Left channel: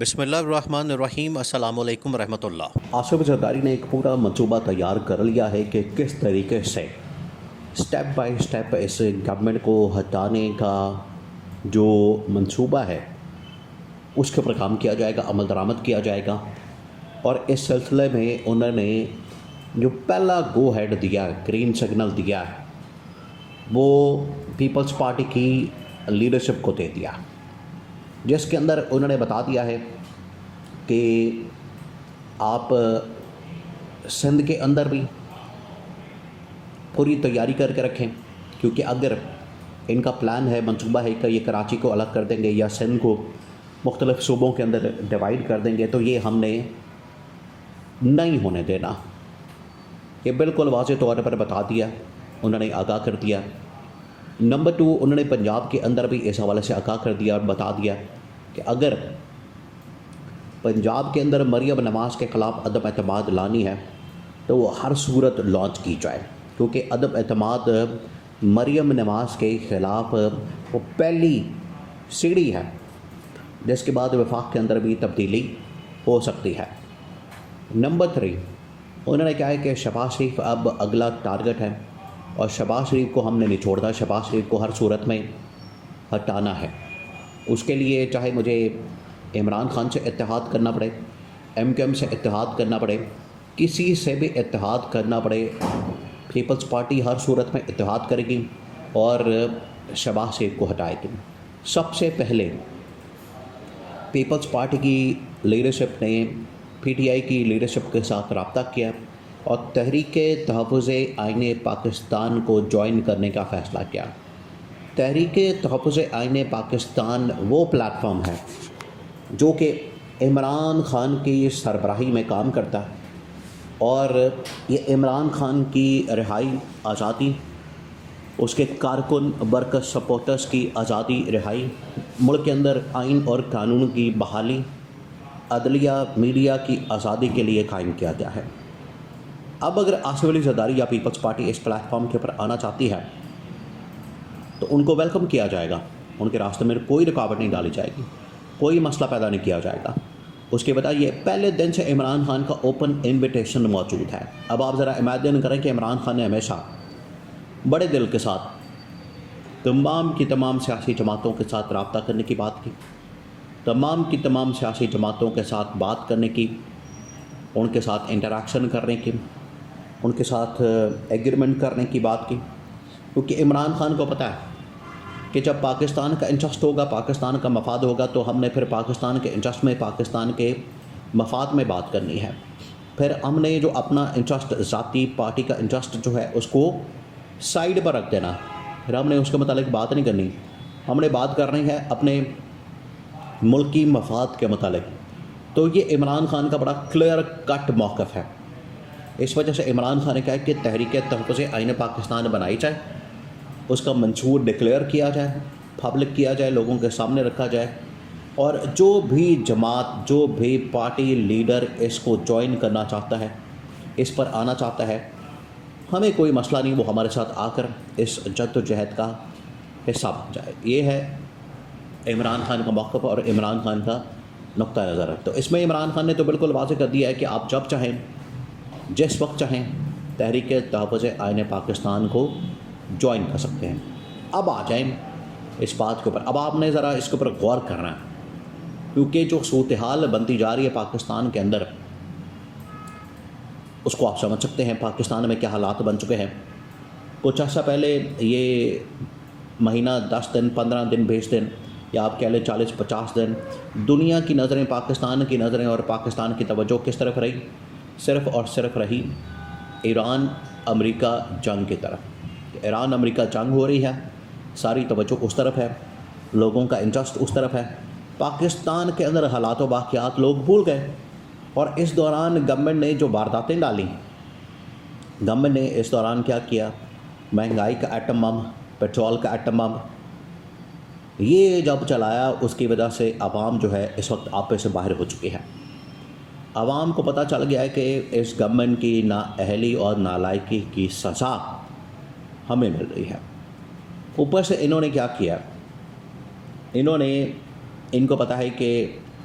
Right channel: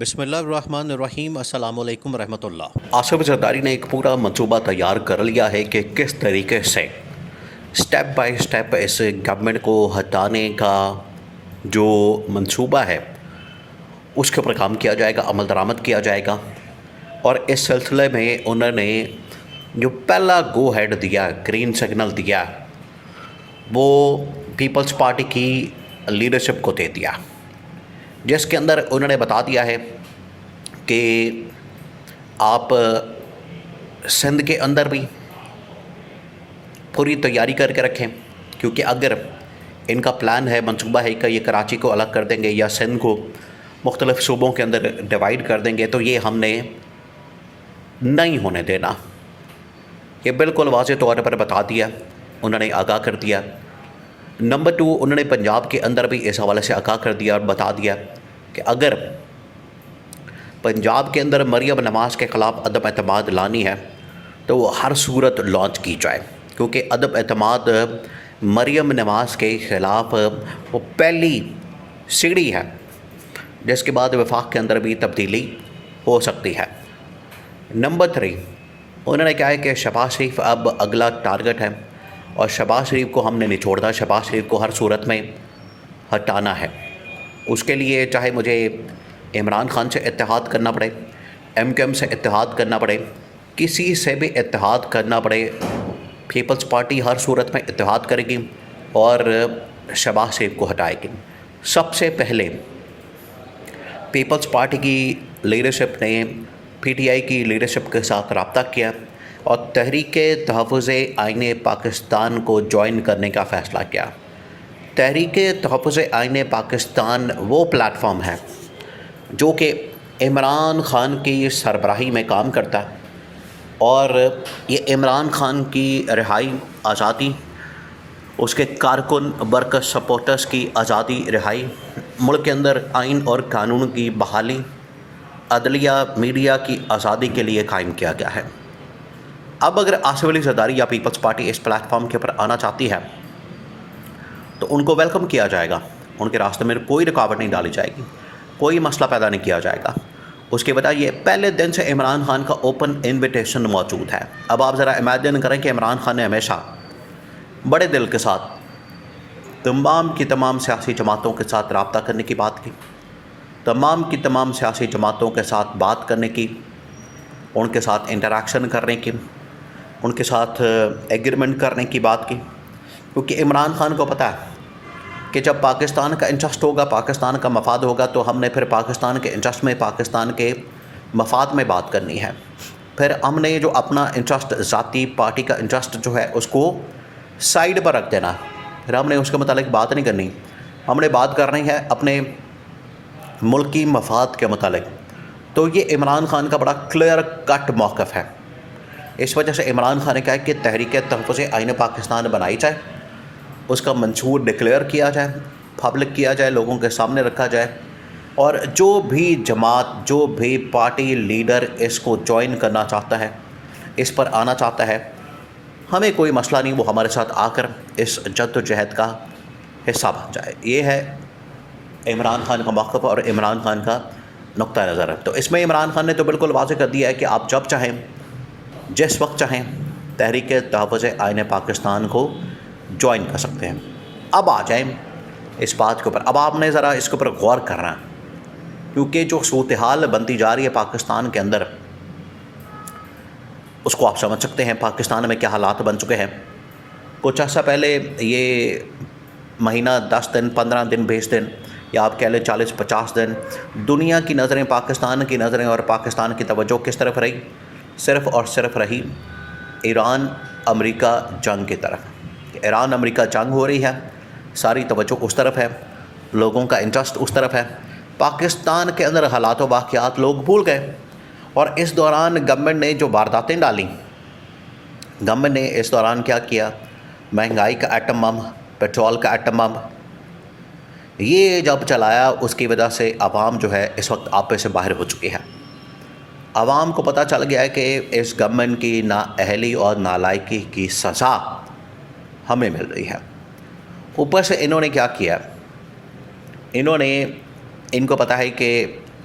بسم اللہ الرحمن الرحیم۔ السلام علیکم ورحمۃ اللہ۔ آصف زرداری نے ایک پورا منصوبہ تیار کر لیا ہے کہ کس طریقے سے سٹیپ بائی سٹیپ اس گورنمنٹ کو ہٹانے کا جو منصوبہ ہے اس کے اوپر کام کیا جائے گا، عمل درآمد کیا جائے گا۔ اور اس سلسلے میں انہوں نے جو پہلا گو ہیڈ دیا، گرین سگنل دیا، وہ پیپلز پارٹی کی لیڈرشپ کو دے دیا، جس کے اندر انہوں نے بتا دیا ہے کہ آپ سندھ کے اندر بھی پوری تیاری کر کے رکھیں، کیونکہ اگر ان کا پلان ہے، منصوبہ ہے کہ یہ کراچی کو الگ کر دیں گے یا سندھ کو مختلف صوبوں کے اندر ڈیوائیڈ کر دیں گے، تو یہ ہم نے نہیں ہونے دینا۔ یہ بالکل واضح طور پر بتا دیا، انہوں نے آگاہ کر دیا۔ نمبر 2، انہوں نے پنجاب کے اندر بھی اس حوالے سے آگاہ کر دیا اور بتا دیا کہ اگر پنجاب کے اندر مریم نواز کے خلاف عدم اعتماد لانی ہے تو وہ ہر صورت لانچ کی جائے، کیونکہ عدم اعتماد مریم نواز کے خلاف وہ پہلی سیڑھی ہے جس کے بعد وفاق کے اندر بھی تبدیلی ہو سکتی ہے۔ نمبر 3، انہوں نے کہا ہے کہ شہباز شریف اب اگلا ٹارگٹ ہے اور شہباز شریف کو ہم نے نچوڑنا، شہباز شریف کو ہر صورت میں ہٹانا ہے۔ اس کے لیے چاہے مجھے عمران خان سے اتحاد کرنا پڑے، ایم کیو ایم سے اتحاد کرنا پڑے، کسی سے بھی اتحاد کرنا پڑے، پیپلز پارٹی ہر صورت میں اتحاد کرے گی اور شہباز شریف کو ہٹائے گی۔ سب سے پہلے پیپلز پارٹی کی لیڈرشپ نے پی ٹی آئی کی لیڈرشپ کے ساتھ رابطہ کیا اور تحریک تحفظ آئین پاکستان کو جوائن کرنے کا فیصلہ کیا۔ تحریک تحفظ آئین پاکستان وہ پلیٹ فارم ہے جو کہ عمران خان کی سربراہی میں کام کرتا ہے، اور یہ عمران خان کی رہائی، آزادی، اس کے کارکن برکر سپورٹرز کی آزادی، رہائی، ملک کے اندر آئین اور قانون کی بحالی، عدلیہ، میڈیا کی آزادی کے لیے قائم کیا گیا ہے۔ اب اگر آصف علی زرداری یا پیپلز پارٹی اس پلیٹ فارم کے اوپر آنا چاہتی ہے تو ان کو ویلکم کیا جائے گا، ان کے راستے میں کوئی رکاوٹ نہیں ڈالی جائے گی، کوئی مسئلہ پیدا نہیں کیا جائے گا۔ اس کے بجائے یہ پہلے دن سے عمران خان کا اوپن انویٹیشن موجود ہے۔ اب آپ ذرا امیجن کریں کہ عمران خان نے ہمیشہ بڑے دل کے ساتھ تمام کی تمام سیاسی جماعتوں کے ساتھ رابطہ کرنے کی بات کی، تمام کی تمام سیاسی جماعتوں کے ساتھ بات کرنے کی، ان کے ساتھ انٹریکشن کرنے کی، ان کے ساتھ ایگریمنٹ کرنے کی بات کی، کیونکہ عمران خان کو پتہ ہے کہ جب پاکستان کا انٹرسٹ ہوگا، پاکستان کا مفاد ہوگا، تو ہم نے پھر پاکستان کے انٹرسٹ میں، پاکستان کے مفاد میں بات کرنی ہے۔ پھر ہم نے جو اپنا انٹرسٹ، ذاتی پارٹی کا انٹرسٹ جو ہے اس کو سائیڈ پر رکھ دینا، پھر ہم نے اس کے متعلق بات نہیں کرنی، ہم نے بات کرنی ہے اپنے ملکی مفاد کے متعلق۔ تو یہ عمران خان کا بڑا کلیئر کٹ موقف ہے۔ اس وجہ سے عمران خان نے کہا کہ تحریک تحفظ آئین پاکستان بنائی جائے، اس کا منشور ڈکلیئر کیا جائے، پبلک کیا جائے، لوگوں کے سامنے رکھا جائے، اور جو بھی جماعت، جو بھی پارٹی لیڈر اس کو جوائن کرنا چاہتا ہے، اس پر آنا چاہتا ہے، ہمیں کوئی مسئلہ نہیں، وہ ہمارے ساتھ آ کر اس جد و جہد کا حصہ بن جائے۔ یہ ہے عمران خان کا موقف اور عمران خان کا نقطہ نظر ہے۔ تو اس میں عمران خان نے تو بالکل واضح کر دیا ہے کہ آپ جب چاہیں، جس وقت چاہیں، تحریک تحفظ آئین پاکستان کو جوائن کر سکتے ہیں۔ اب آ جائیں اس بات کے اوپر، اب آپ نے ذرا اس کے اوپر غور کرنا ہے، کیونکہ جو صورتحال بنتی جا رہی ہے پاکستان کے اندر، اس کو آپ سمجھ سکتے ہیں پاکستان میں کیا حالات بن چکے ہیں۔ کچھ عرصہ پہلے یہ مہینہ 10 دن، 15 دن، 20 دن، یا آپ کہہ لیں 40-50 دن، دنیا کی نظریں، پاکستان کی نظریں اور پاکستان کی توجہ کس طرف رہی؟ صرف اور صرف رہی ایران امریکہ جنگ کی طرف۔ ایران امریکہ جنگ ہو رہی ہے، ساری توجہ اس طرف ہے، لوگوں کا انٹرسٹ اس طرف ہے، پاکستان کے اندر حالات و واقعات لوگ بھول گئے۔ اور اس دوران گورنمنٹ نے جو وارداتیں ڈالیں، گورنمنٹ نے اس دوران کیا کیا؟ مہنگائی کا ایٹم بم، پیٹرول کا ایٹم بم، یہ جب چلایا، اس کی وجہ سے عوام جو ہے اس وقت آپے سے باہر ہو چکی ہے۔ عوام کو پتہ چل گیا ہے کہ اس گورنمنٹ کی نااہلی اور نالائکی کی سزا ہمیں مل رہی ہے۔ اوپر سے انہوں نے کیا کیا؟ ان کو پتہ ہے کہ